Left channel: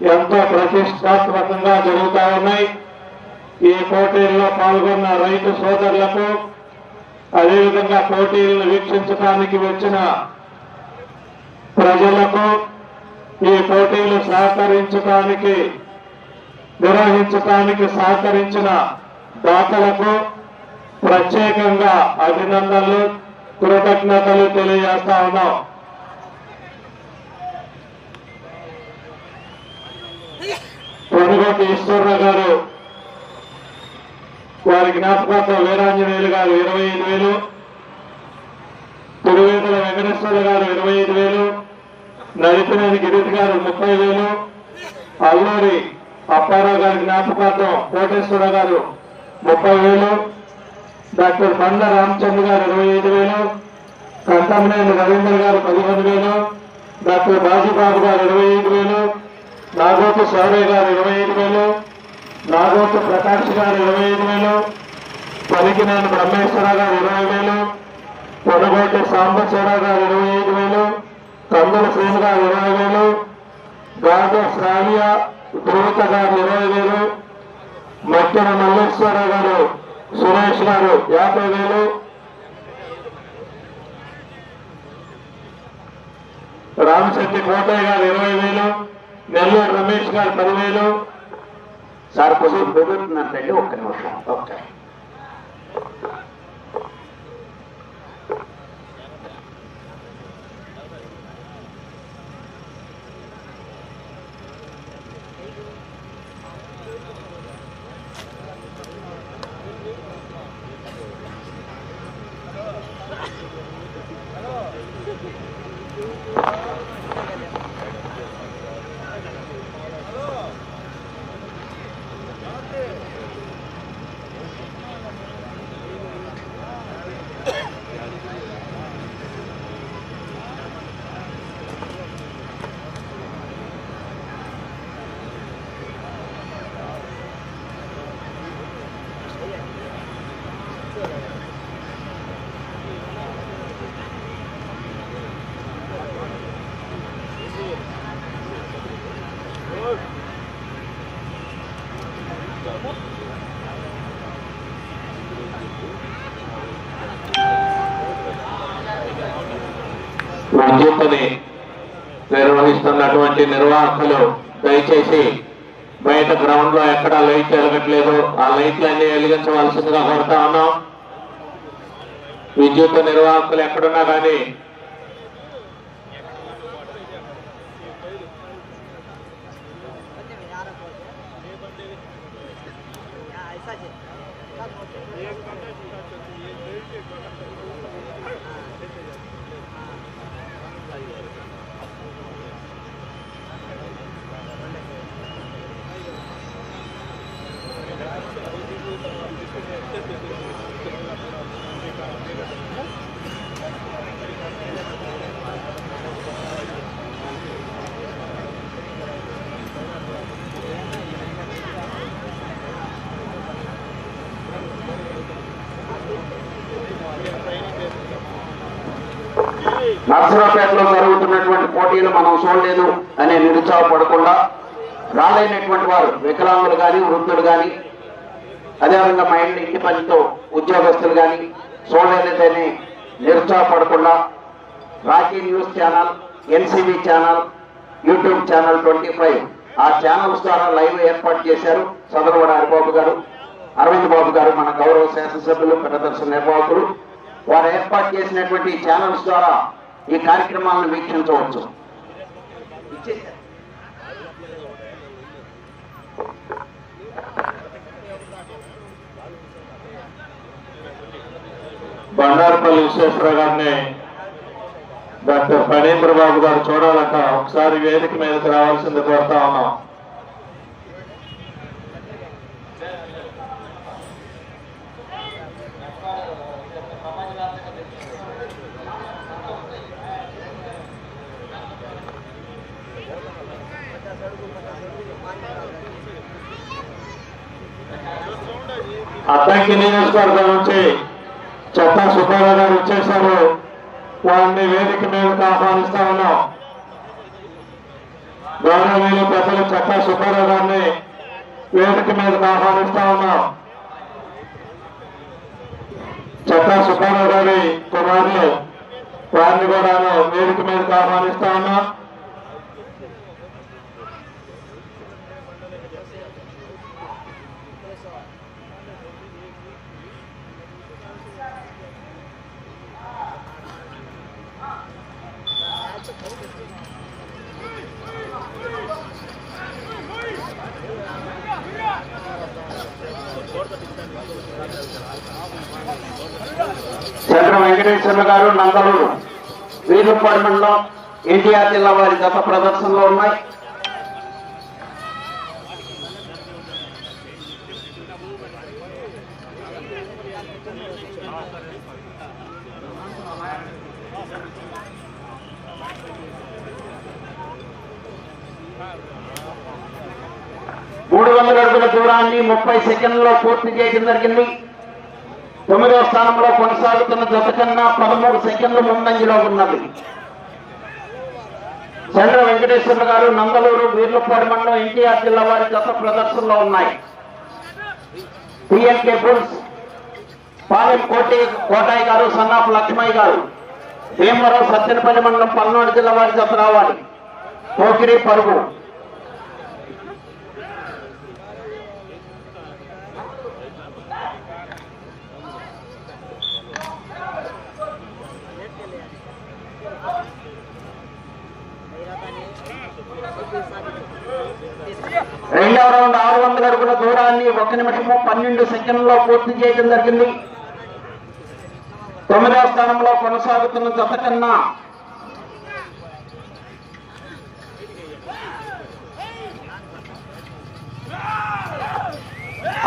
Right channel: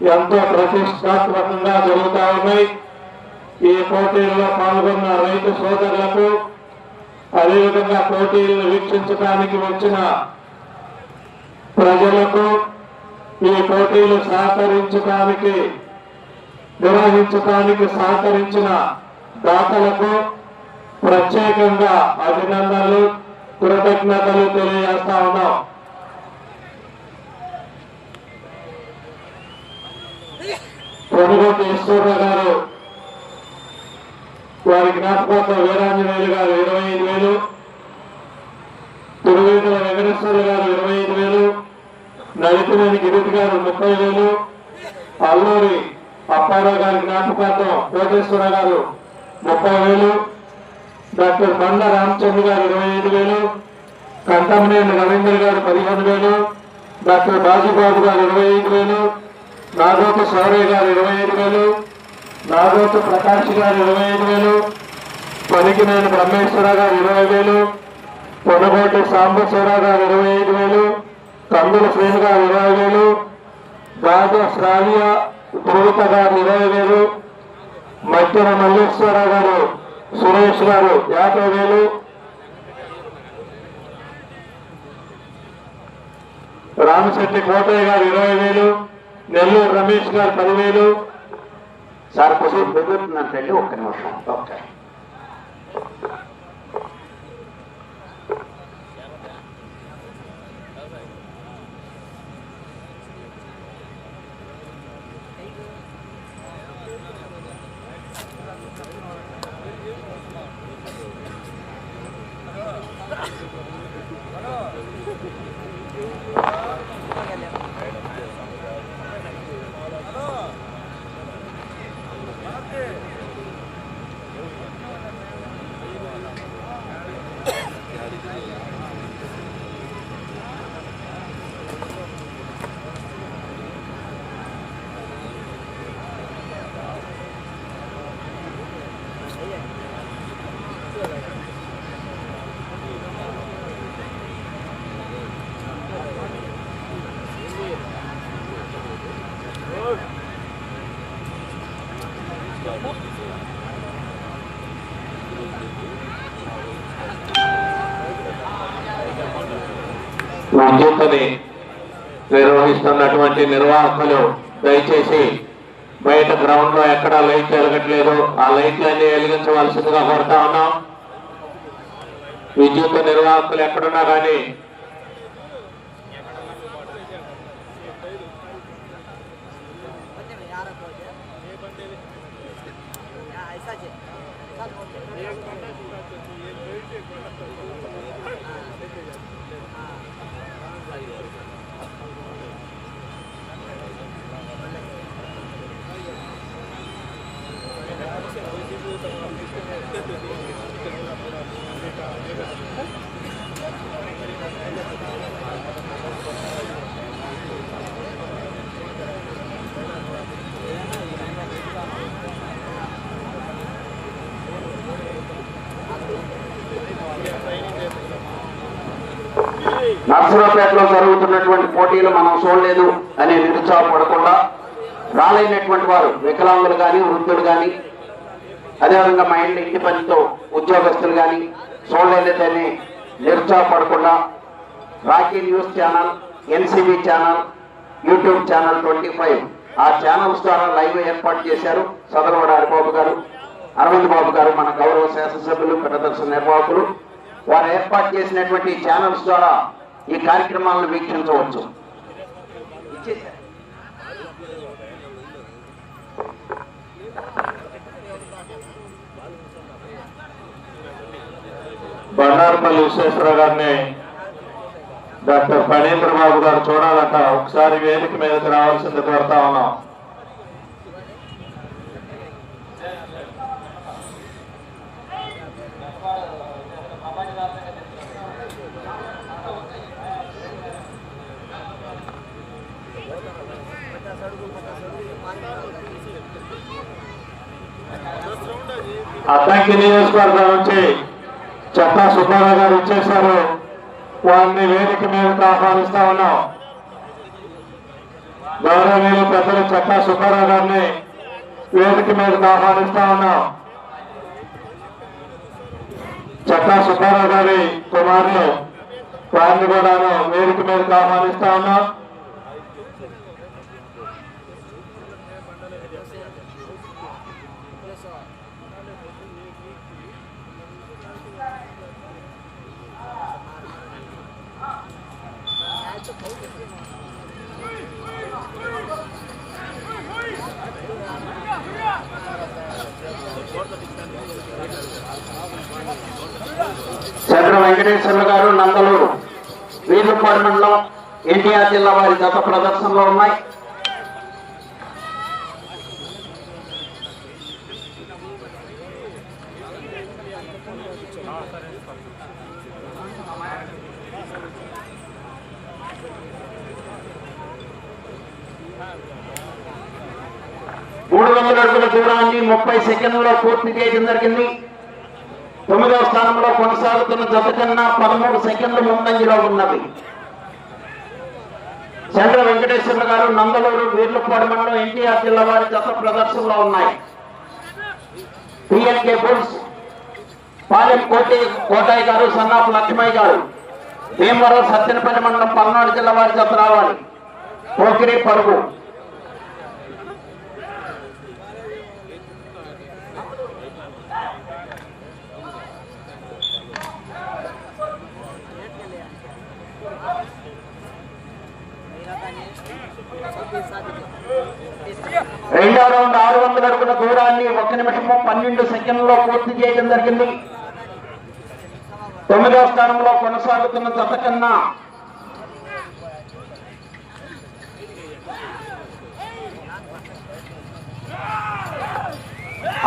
ఎంతో ప్రతిష్టాత్మకంగా జరుగుతా ఉన్నాయి. ఈ పోటీల్లో పాల్గొన్న రైతు సోదరులకు అదేవిధంగా పోటీలను వీక్షించడానికి వచ్చిన ప్రజలకు ఈ పోటీలు సహకరించడానికి నిర్వహించడానికి సహకరించిన దాతలకు ప్రత్యేకంగా అభినందనలు కృతజ్ఞతలు తెలియజేస్తా ఉన్నాం. పొనుగోటి ఈశ్వరరావు గారు వారి జ్ఞాపకార్థం వీరాంజనేయులు గారు ఇరవై ఐదు వేలు తిరువేదుల వెంకటేశ్వర గారు ఇరవై ఐదు వేలు నడిపినేని గిరీష్ గారు ముప్పై వేలు అల్లూరి అప్పారావు గారి జ్ఞాపకార్థం కోటేశ్వర గారు ముప్పై వేలు డాక్టర్ బండ్ల రామచంద్ర గారు ఇరవై ఐదు వేలు కంటమనేని రవీంద్ర గారు పదిహేను వేలు డాక్టర్ రాజుగారు గారు ఇరవై ఐదు వేలు నాగోత సౌరయ్య గారు ఇరవై ఐదు వేలు నాగోత ప్రకాష్ గారు ఇరవై ఐదు వేలు పనికినేని బ్రహ్మేశ్వర గారు ఇరవై వేలు పొడబాటి సాంబశ్వర గారు ఇరవై ఐదు వేలు కందుల శ్రీను గారు ఇరవై వేలు గాజ శ్రావ్య ధృవిత గారు ఇరవై వేలు మధ్యన మల్లేశ్వర గారు సురేష్ గారు యాభై వేలు. రామశెట్టి కోటయ్య గారు ఇరవై వేలు నెల్లూరు రమేష్ గారు పదివేలు. సార్ కొంచెం కుదురుతున్నట్టండి ఒక్క నిమిషం. ఓకే. విద్యుత్తుని నిర్వహిస్తున్నటువంటి నిర్వాహకులు దయచేసి బయట గ్రౌండ్లో ఎక్కడ లైట్లు వెలగట్లేదు. ఆ లైట్లన్నీ వెలిగించవలసిందిగా కోరుతా ఉన్నాం. విద్యుత్ నిర్వాహకులు ఎక్కడున్నా కానీ నర్సరాపేటలో జరుగుతున్నటువంటి పోటీలు మనం చూడలేదు అని నిరుత్సాహపడకుండా రాలేనటువంటి వారు వికలాంగులు కానీ వృద్ధులు కానీ అదేవిధంగా మా ఇంటి ఇంటి పనితో ఉద్యోగస్తులు కానీ చూడలేదని నిరుత్సాహపడకుండా Rocky news channel NCV channel YouTube channel twenty five ఆ ఛానల్స్ ద్వారా లైవ్ ఏర్పాటు చేశారు సదరవడ హరిబాబు గారు అరవింద్ బాబు గారు మన గౌరవ శాసనసభ్యులు ప్రదర్శన నిర్వాహకులు. వారు ఏర్పాటు చేసినటువంటి ఛానల్స్ ద్వారా ఈ కార్యక్రమాలను వీక్షించవచ్చు. బండారుపల్లి విశ్వేశ్వర గారిని డాక్టర్ పరేంద్ర బాబు గారు చూడాలట. ఒకసారి వేదిక మీదకి రావాల్సింది కోరుతా ఉన్నాం. అద్దంకి నియోజకవర్గం నుంచి చెత్తా సుబ్బారావు గారు వచ్చేసారు వారిని వేదిక మీదకి ఆహ్వానిస్తా ఉన్నాం. గౌరవనీయులు పెద్దలు చట్టా సుబ్బారావు గారిని వేదిక మీదకి ఆహ్వానిస్తా ఉన్నాం. చట్టా సుబ్బారావు గారి కుమారులు వారిని కూడా వేదిక మీదకి ఆహ్వానిస్తా ఉన్నాం చంద్ర వెంకటేశ్వర్లు గారు నందలూరు వీరుపాడు మండలం ఎన్టీఆర్ జిల్లా వారి గత ప్రదర్శనలో ఉన్నాయి. మూడు వందల అడుగుల దూరాన్ని ముప్పై సెకండ్లలో పూర్తి చేయడం జరిగింది. తొమ్మిదవ స్థానంలో కొనసాగుతున్న జత కన్నా పదమూడు సెకండ్ల ముందంజలో ఉన్నది చంద్ర వెంకటేశ్వర్లు గారు నందలూరు వీర్లపాడు మండలం ఎన్టీఆర్ జిల్లా వారి జత ప్రదర్శనలో ఉన్నాయి. పిఎన్కే బుల్స్ పాలెం కోటి కోటాయి గారు సన్నాఫ్ లక్ష్మయ్య గారు భీమవరం సత్యనపల్లి మండలం పల్నాడు జిల్లా వారి జత రావాలి. పోకిరి పరుగు రెండవ రౌండ్ ఆరు వందల అడుగుల దూరాన్ని ఒక నిమిషము పన్నెండు సెకండ్లో పూర్తి చేయడం జరిగింది. తొమ్మిదవ స్థానంలో కొనసాగుతున్న జత కన్నా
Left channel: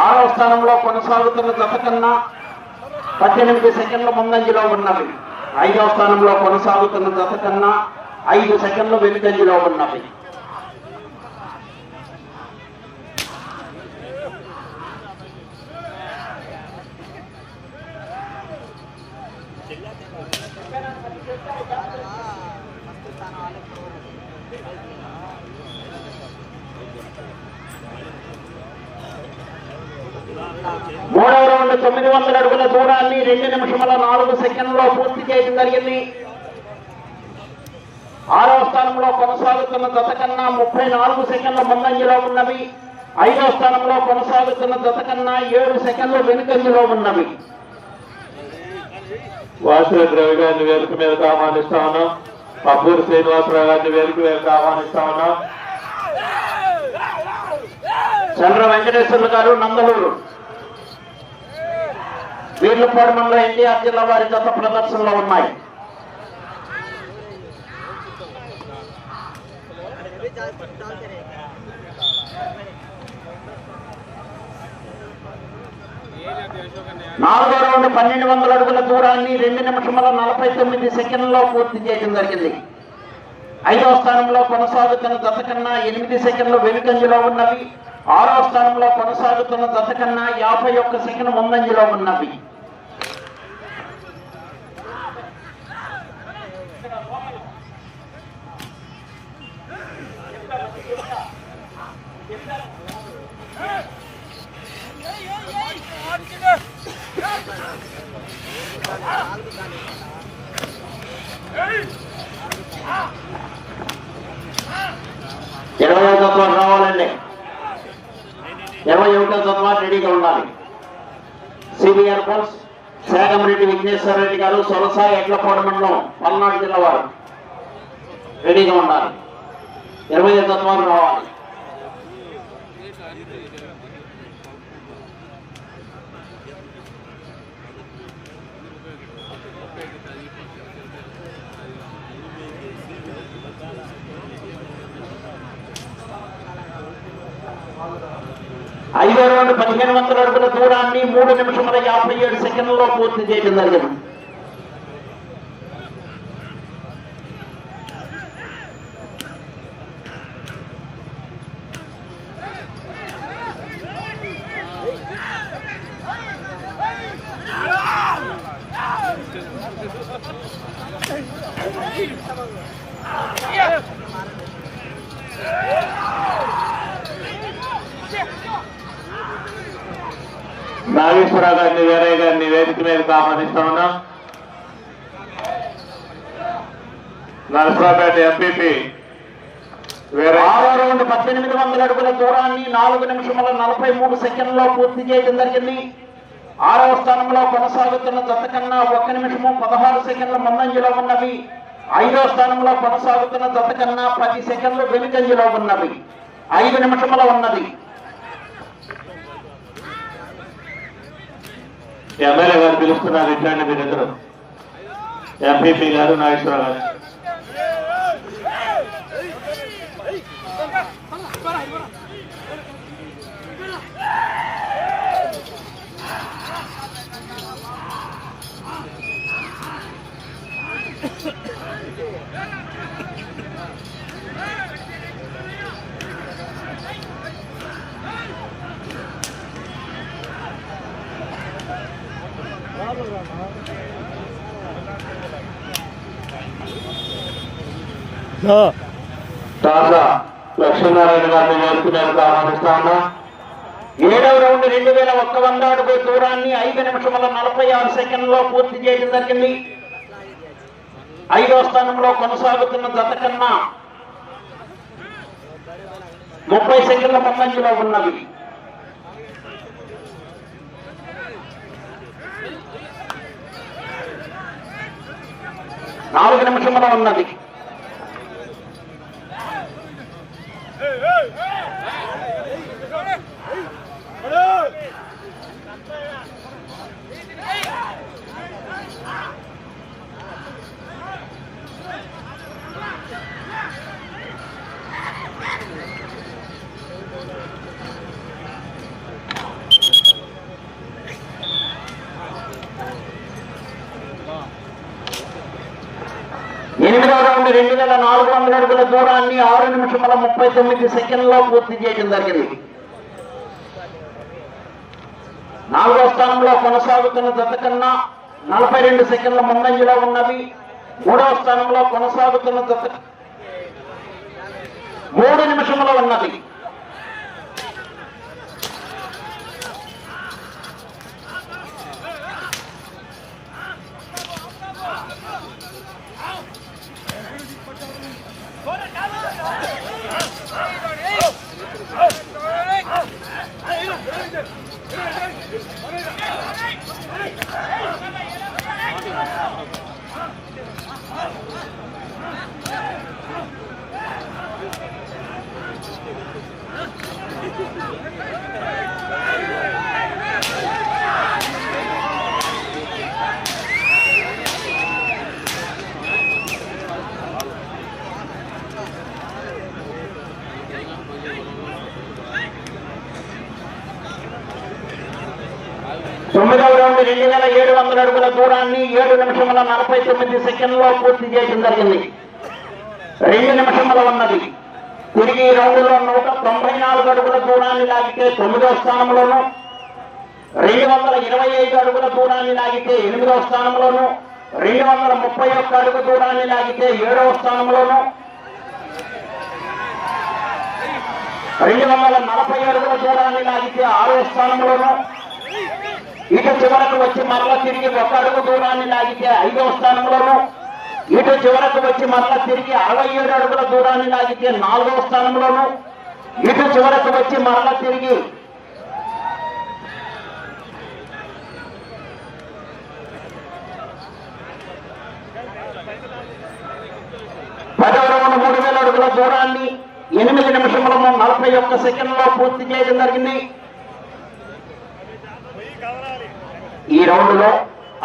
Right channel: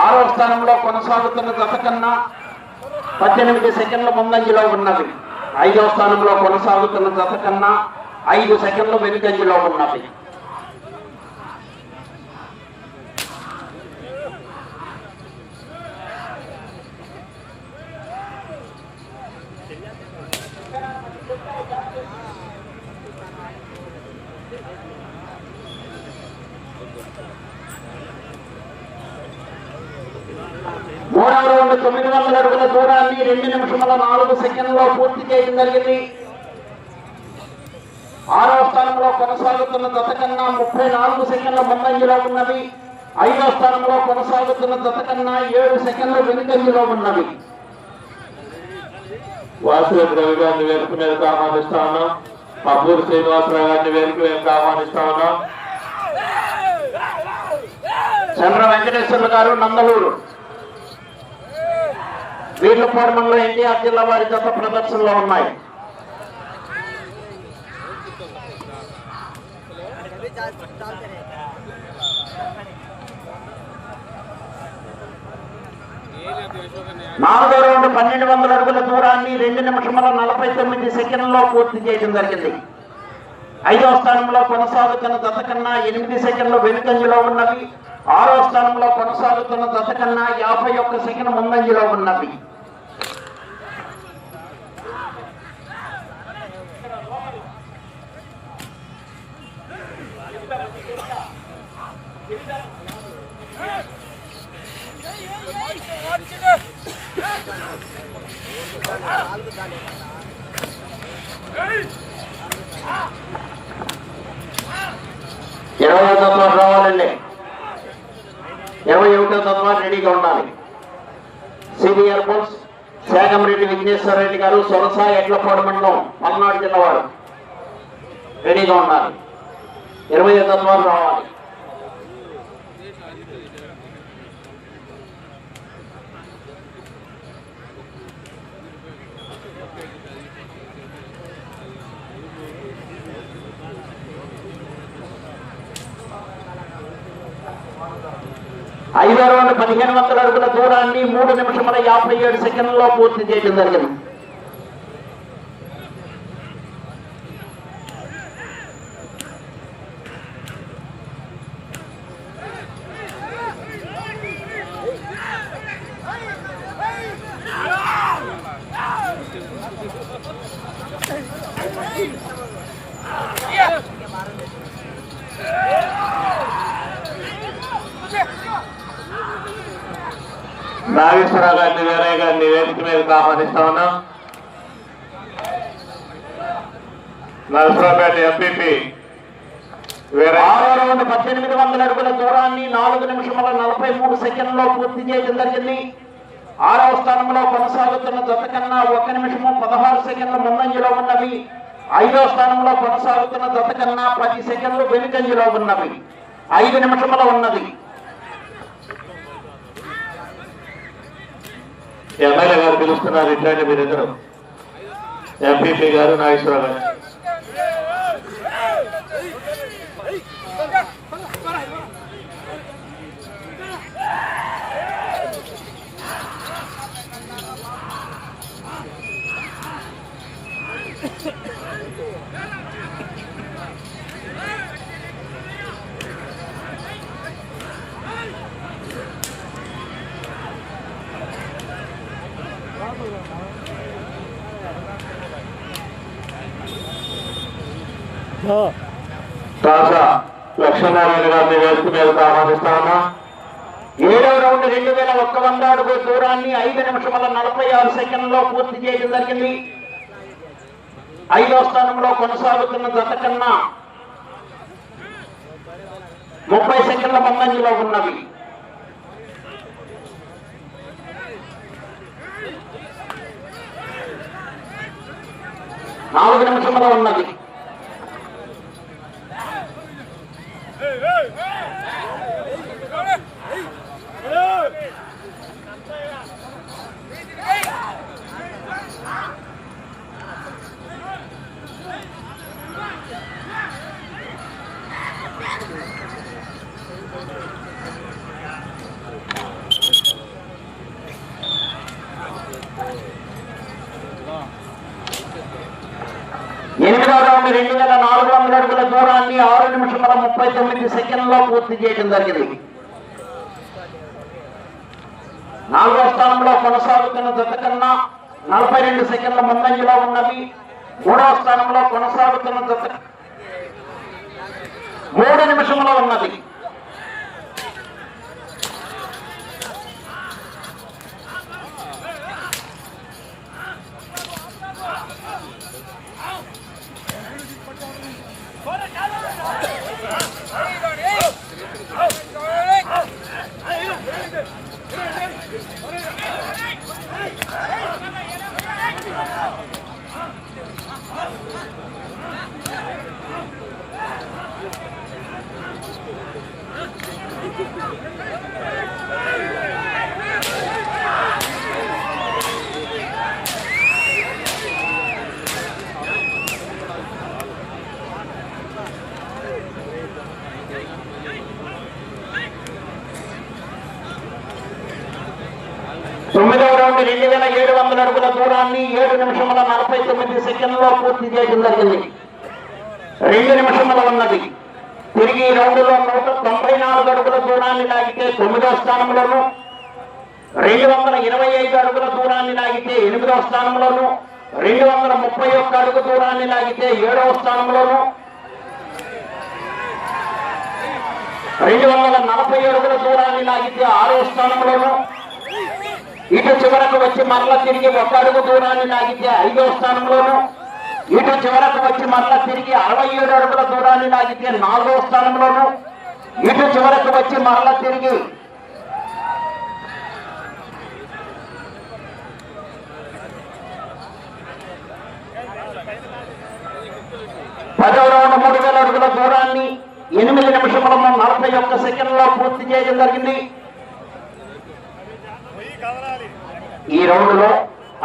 ఆరవ స్థానంలో కొనసాగుతున్న జత కన్నా పద్దెనిమిది సెకండ్ల ముందంజలో ఉన్నవి ఐదవ స్థానంలో కొనసాగుతున్న జత కన్నా ఐదు సెకండ్ల వెనుకంజలో ఉన్నవి మూడవ రౌండ్ తొమ్మిది వందల అడుగుల దూరాన్ని రెండు నిమిషముల నాలుగు సెకండ్లో పూర్తి చేయడం జరిగింది. ఆరవ స్థానంలో కొనసాగుతున్న జత కన్నా ముప్పై నాలుగు సెకండ్ల ముందంజలో ఉన్నవి. ఐదవ స్థానంలో కొనసాగుతున్న జత కన్నా ఏడు సెకండ్లు వెనుకంజలో ఉన్నవి. వాసుల ద్రవి గారిని వేదిక మీదకి ఆహ్వానిస్తా ఉన్నాం. అబ్బూరి శ్రీనివాసరావు గారిని వేదిక మీదకి ఆహ్వానిస్తా ఉన్నాం. చంద్ర వెంకటేశ్వర్లు గారు నందలూరు. వీర్లపాడు మండలం ఎన్టీఆర్ జిల్లా వారి గత ప్రదర్శనలో ఉన్నాయి? నాలుగో రౌండ్ పన్నెండు వందల అడుగుల దూరాన్ని రెండు నిమిషముల నలభై తొమ్మిది సెకండ్లో పూర్తి చేయడం జరిగింది. ఐదవ స్థానంలో కొనసాగుతున్న జత కన్నా ఎనిమిది సెకండ్లు వెనుకంజలో ఉన్నవి. ఆరో స్థానంలో కొనసాగుతున్న జత కన్నా యాభై ఒక్క సెకండ్ ముందంజలో ఉన్నవి. ఇరవై తత్వాలు రావాలండి. ఇరవై ఒకటో తత్వాలు రెడీగా ఉండాలి. సిబిఆర్ పోల్స్ శాగంరెడ్డి విఘ్నేశ్వర రెడ్డి గారు సొలసాయి ఎడ్లపాడు మండలం పల్నాడు జిల్లా వారు రెడీగా ఉండాలి. ఇరవై తత్వాలు రావాలి. ఐదో రౌండ్ పదిహేను వందల అడుగుల దూరాన్ని మూడు నిమిషముల యాభై ఏడు సెకండ్లలో పూర్తి చేయడం జరిగింది Ah! నాగేశ్వరరావు గారిని వీరయ్య గారిని వేదిక మీదకి ఆహ్వానిస్తా ఉన్నాం. నరసరావుపేట ఎంపీపీ ఆరు ఆరో పద్దెనిమిది వందల అడుగుల దూరాన్ని నాలుగు నిమిషముల నలభై మూడు సెకండ్లో పూర్తి చేయడం జరిగింది. ఆరవ స్థానంలో కొనసాగుతున్న జత కన్నా ఒక్క నిమిషము పదహారు సెకండ్ల ముందంజలో ఉన్నవి. ఐదో స్థానంలో కొనసాగుతున్న జత కన్నా పది సెకండ్లు వెనుకంజలో ఉన్నవి. ఐదు నిమిషముల ఉన్నవి. ఎమ్మెల్యే గారు పిలుస్తున్నారు ఇద్దరు మీరిద్దరు ఎంపీపీ గారు నాగేశ్వరరావు. గారు లక్ష్మీనారాయణ గారిని వేదిక మీదకి ఏడవ రౌండ్ రెండు వేల ఒక్క వంద అడుగు దూరాన్ని ఐదు నిమిషముల నలభై ఆరు సెకండ్లో పూర్తి చేయడం జరిగింది. ఐదో స్థానంలో కొనసాగుతున్న గత కన్నా ముప్పై సెకండ్ల పందంజలో ఉన్నవి. నాలుగు నిమిషంలో ఉన్నది. ఎనిమిదవ రౌండ్ రెండు వేల నాలుగు వందల అడుగుల దూరాన్ని ఆరు నిమిషముల ముప్పై తొమ్మిది సెకండ్లో పూర్తి చేయడం జరిగింది. నాలుగో స్థానంలో కొనసాగుతున్న జత కన్నా నలభై రెండు సెకండ్ల ముందంజలో ఉన్నది. మూడవ స్థానంలో కొనసాగుతున్న జత మూడు నిమిషంలో ఉన్నది. తొమ్మిదవ రౌండ్ రెండు వేల ఏడు వందల అడుగుల దూరాన్ని ఏడు నిమిషముల నలభై తొమ్మిది సెకండ్లో పూర్తి చేయడం జరిగింది. రెండు నిమిషముల ఉన్నది. తిరిగి రౌండ్ రౌండ్లో తొంభై నాలుగు అడుగుల దూరాన్ని లాగితే తొమ్మిదవ స్థానంలోను. రెండు వందల ఇరవై ఐదు అడుగుల దూరాన్ని లాగితే ఎనిమిదో స్థానంలోను. రెండు వందల ముప్పై ఒక్క అడుగు దూరాన్ని లాగితే ఏడవ స్థానంలోను. రెండు వందల నలభై అడుగుల దూరాన్ని లాగితే ఆరవ స్థానంలోను. ఇటు చివరకు వచ్చి మరలా తిరిగి ఒక అడుగు దూరాన్ని లాగితే ఐదవ స్థానంలోను. ఇటు చివరకు వచ్చి మరలా తిరిగి అరవై ఏడు అడుగుల దూరాన్ని లాగితే నాలుగవ స్థానంలోను. ఇటు చివరకు వచ్చి మరణ తిరిగి. పదవ రౌండ్ మూడు వేల అడుగుల దూరాన్ని ఎనిమిది నిమిషంలో నలభై ఒక్క సెకండ్లో పూర్తి చేయడం జరిగింది. ఈ రౌండ్లో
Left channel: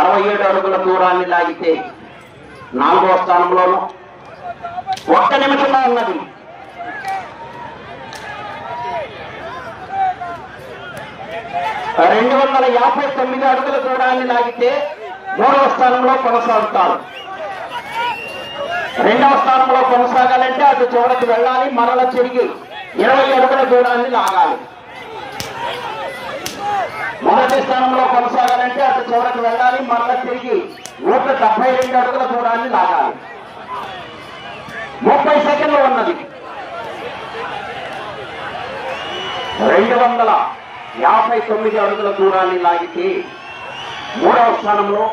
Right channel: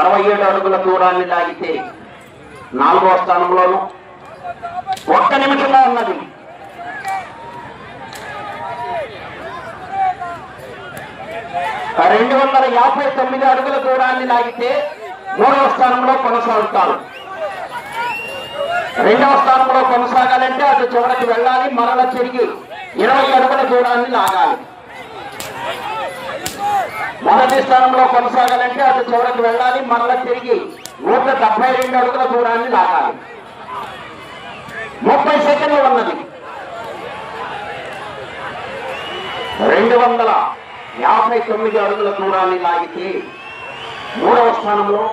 అరవై ఏడు అడుగుల దూరాన్ని లాగితే నాలుగవ స్థానంలోను ఒక్క నిమిషంలో ఉన్నది. రెండు వందల యాభై తొమ్మిది అడుగుల దూరాన్ని లాగితే మూడవ స్థానంలో కొనసాగుతాడు రెండవ స్థానంలో కొనసాగాలంటే అటు చివరికి వెళ్ళాలి మరల తిరిగి ఇరవై అడుగుల దూరాన్ని లాగాలి. మొదటి స్థానంలో కొనసాగాలంటే అటు చివరికి వెళ్ళాలి మరల తిరిగి నూట డెబ్బై రెండు అడుగుల దూరాన్ని లాగాలి. ముప్పై సెకండ్లు ఉన్నది. రెండు వందల యాభై తొమ్మిది అడుగుల దూరాన్ని లాగితే మూడవ స్థానంలో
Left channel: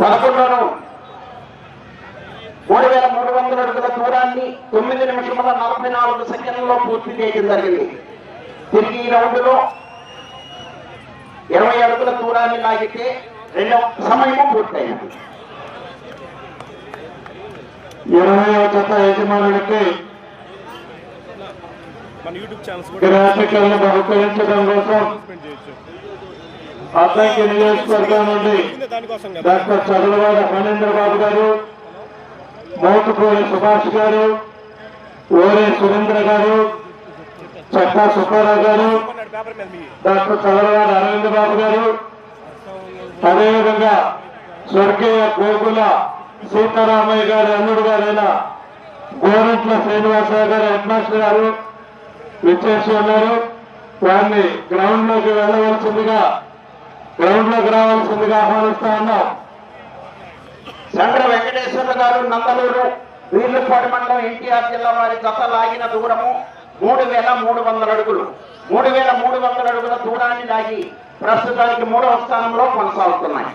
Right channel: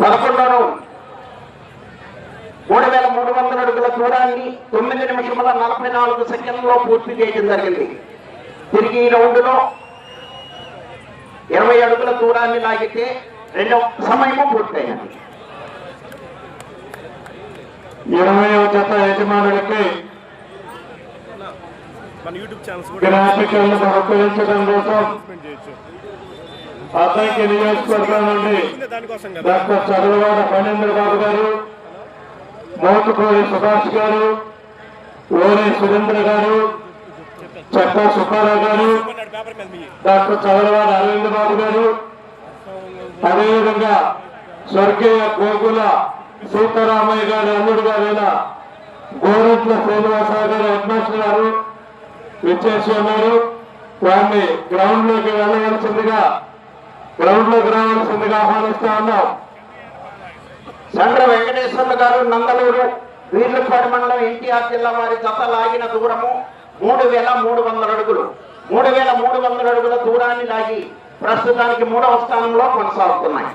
పదకొండవ మూడు వేల మూడు వందల అడుగుల దూరాన్ని తొమ్మిది నిమిషముల నలభై నాలుగు సెకండ్లలో పూర్తి చేయడం జరిగింది. తిరిగి ఈ రౌండ్లో ఇరవై అడుగుల దూరాన్ని లాగితే రెండవ సమయము పూర్తయినది. ఇరవయవ జత యజమానులకి గ్రాఫికల్ని బహుకరించడం కోసం అద్దంకి నియోజకవర్గం నుండి డాక్టర్ చదలవాడ ఫణేంద్ర బాబు గారు మోతుకూరి సుభాష్ గారు ఓరే సురేంద్ర గారు చట్టా సుబ్బారావు గారు డాక్టర్ చదలవాడ అరవింద్ బాబు గారు అదేవిధంగా స్వర్గీయ గోకుల సీతారామయ్య గారు అల్లుడు గారైన గోరంట్ల శ్రీనివాసరావు గారు హెడ్మాస్టర్ గారు విచ్చేసి ఉన్నారు. వారిని గ్రౌండ్లోకి వెళ్ళవలసిందిగా గ్రౌండ్లోకి రావాల్సిందిగా ఆహ్వానిస్తా ఉన్నాం. చంద్ర వెంకటేశ్వర్లు గారు నందలూరు వీర్లపాడు మండలం ఎన్టీఆర్ జిల్లా వారి జత లాగిన దూరము మూడు వేల మూడు వందల అడుగులు. మూడు వేల మూడు వందల అడుగుల దూరాన్ని లాగి ప్రస్తుతానికి మూడవ స్థానంలో కొనసాగుతున్నాయి.